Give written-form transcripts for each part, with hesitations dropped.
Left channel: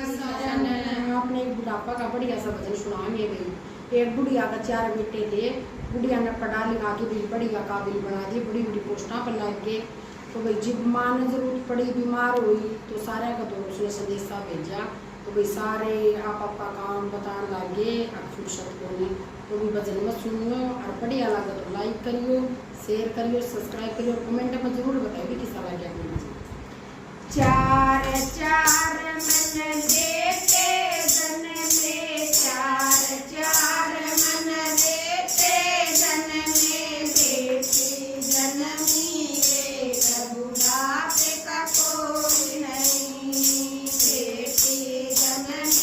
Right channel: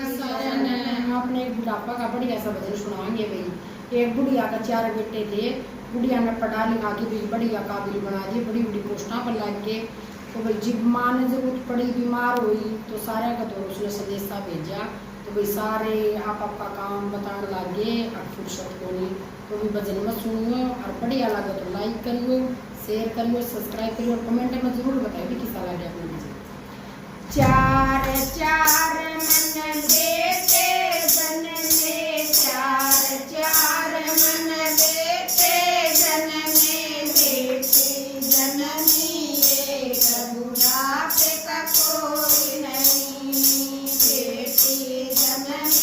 अपने एक बुढ़ापा का बढ़िया सा भजन सुनाएंगे भाई। एक बुढ़िया का 4 बेटे थे, बुढ़िया ने पढ़ा लिखा के भी बढ़िया काबिल बना दिए, बड़ी बड़ी पोस्टा पर लग गए। तो भाई जब माँ ने जरूरत पड़ी, बीमार हुई, तो सारे का तो उसने संदेशा भेजा। तो भाई सारे आप आपका काम बताने लगे, अब फुर्सत को नहीं। तो भी भजन में सुनियो और बढ़िया लगे तो लाइक करियो, शेयर करियो, सब्सक्राइब करियो और कमेंट में जरूर बताइए किसा लगे अपने भजन। 4 4 मन देते जन में, 4 4 मन देते जन में, देते जननी एक बुढ़ापे का कोई नहीं, देते जननी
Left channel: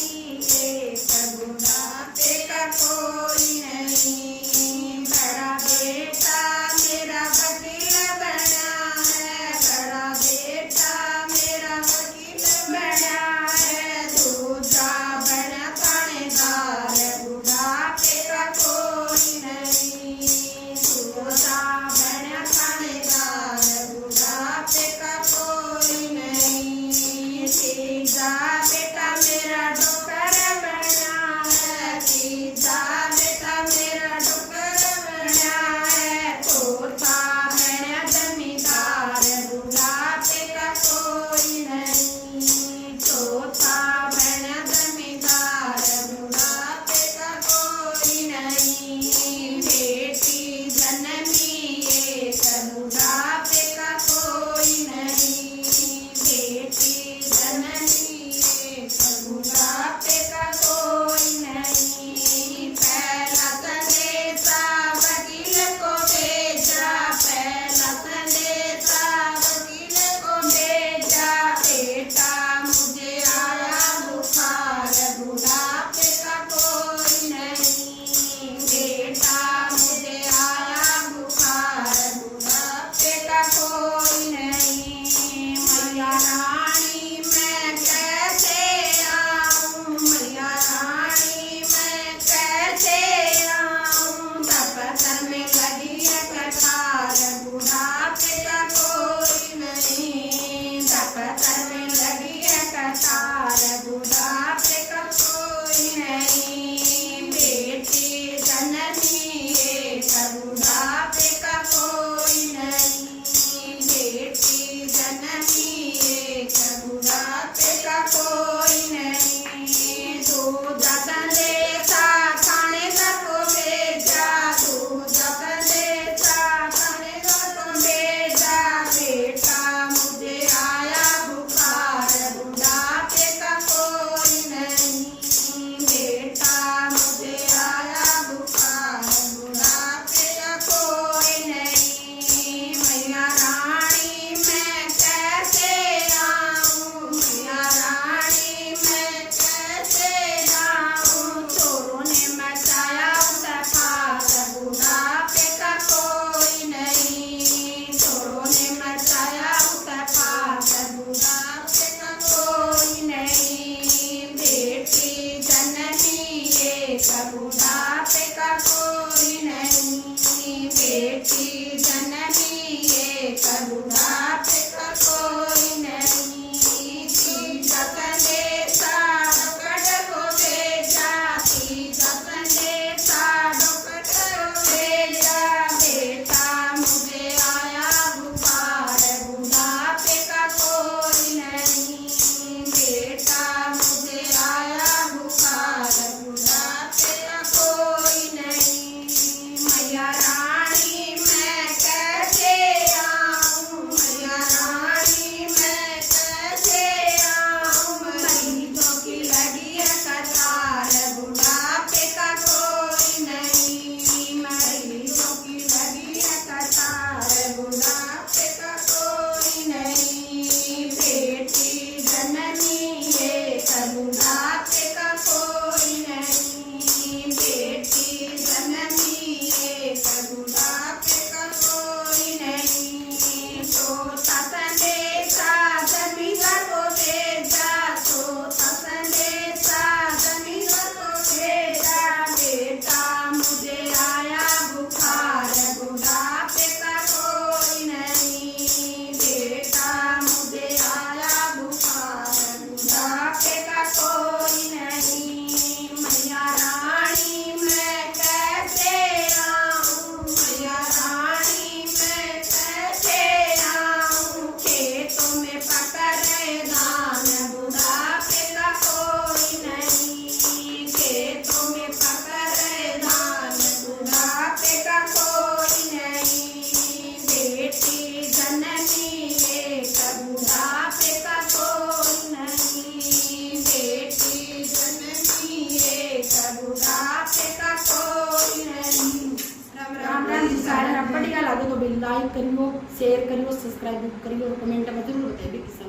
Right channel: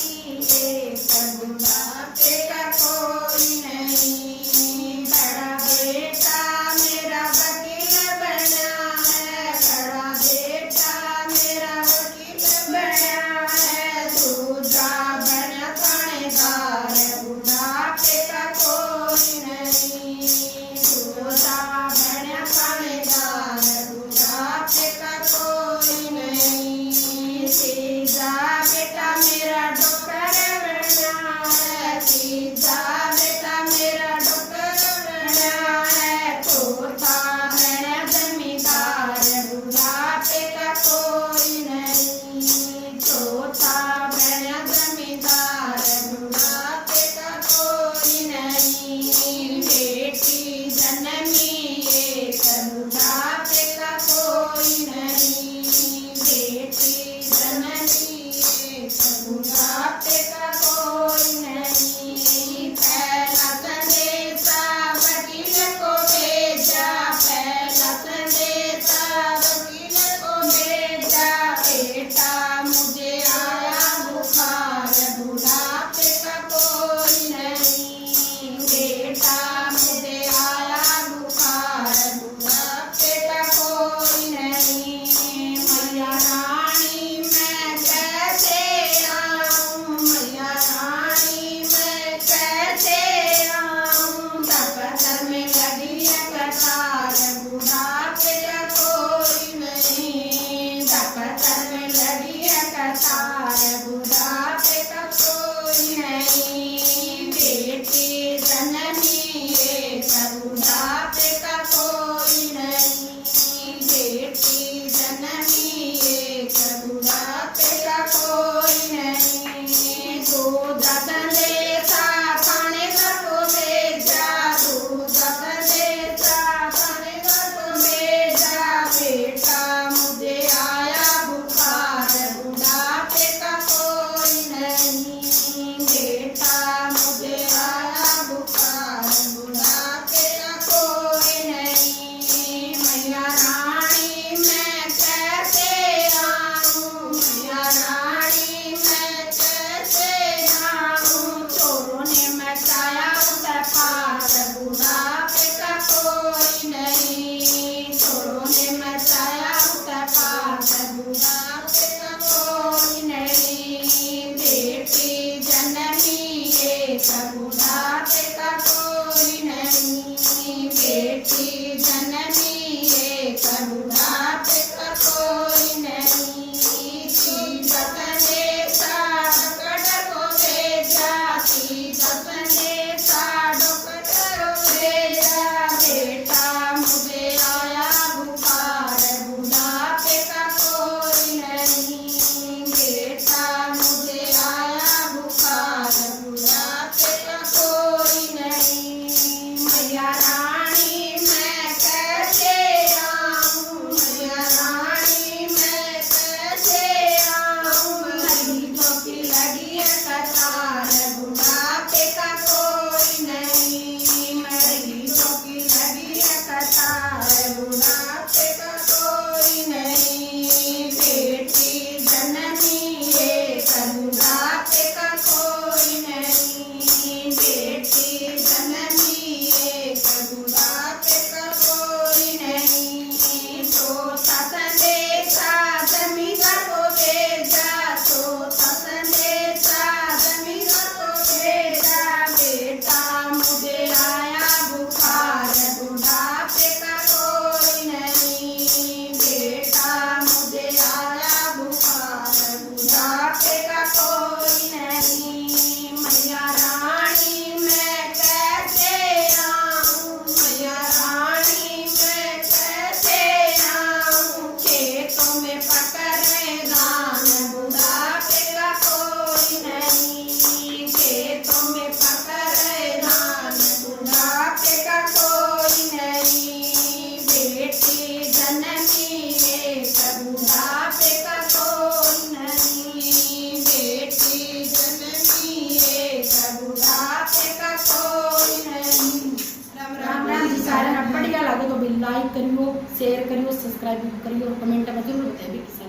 एक बुढ़ापे का कोई नहीं। बड़ा बेटा मेरा वकील बना है, बड़ा बेटा मेरा वकील बना है, दूसरा बना थानेदार, बुढ़ापे का कोई नहीं, दूसरा बना थानेदार, बुढ़ापे का कोई नहीं। तीजा बेटा मेरा डॉक्टर बना है, तीजा बेटा मेरा डॉक्टर बना है, चौथा है जमींदार, बुढ़ापे का कोई नहीं, चौथा है जमींदार, बुढ़ापे का कोई नहीं। बेटी जननी एक बुढ़ापे का कोई नहीं, बेटी जननी एक बुढ़ापे का कोई नहीं। पहला संदेशा वकील को भेजा, पहला संदेशा वकील को भेजा, बेटा मुझे आया बुखार, बुढ़ापे का कोई नहीं, बेटा मुझे आया बुखार, बुढ़ापे का कोई नहीं। मैया रानी मैं कैसे आऊं, मैया रानी मैं कैसे आऊं, दफ्तर में लगी है कतार, बुढ़ापे का कोई नहीं, दफ्तर में लगी है कतार, बुढ़ापे का कोई नहीं। बेटी जननी एक बुढ़ापे का कोई नहीं, बेटी जननी एक बुढ़ापे का कोई नहीं। दूध संदेशा थानेदार को भेजा, दूध संदेशा थानेदार को भेजा, बेटा मुझे आया बुखार, बुढ़ापे का कोई लाइक करियो, शेयर करियो, सब्सक्राइब करियो और कमेंट में जरूर बताइए।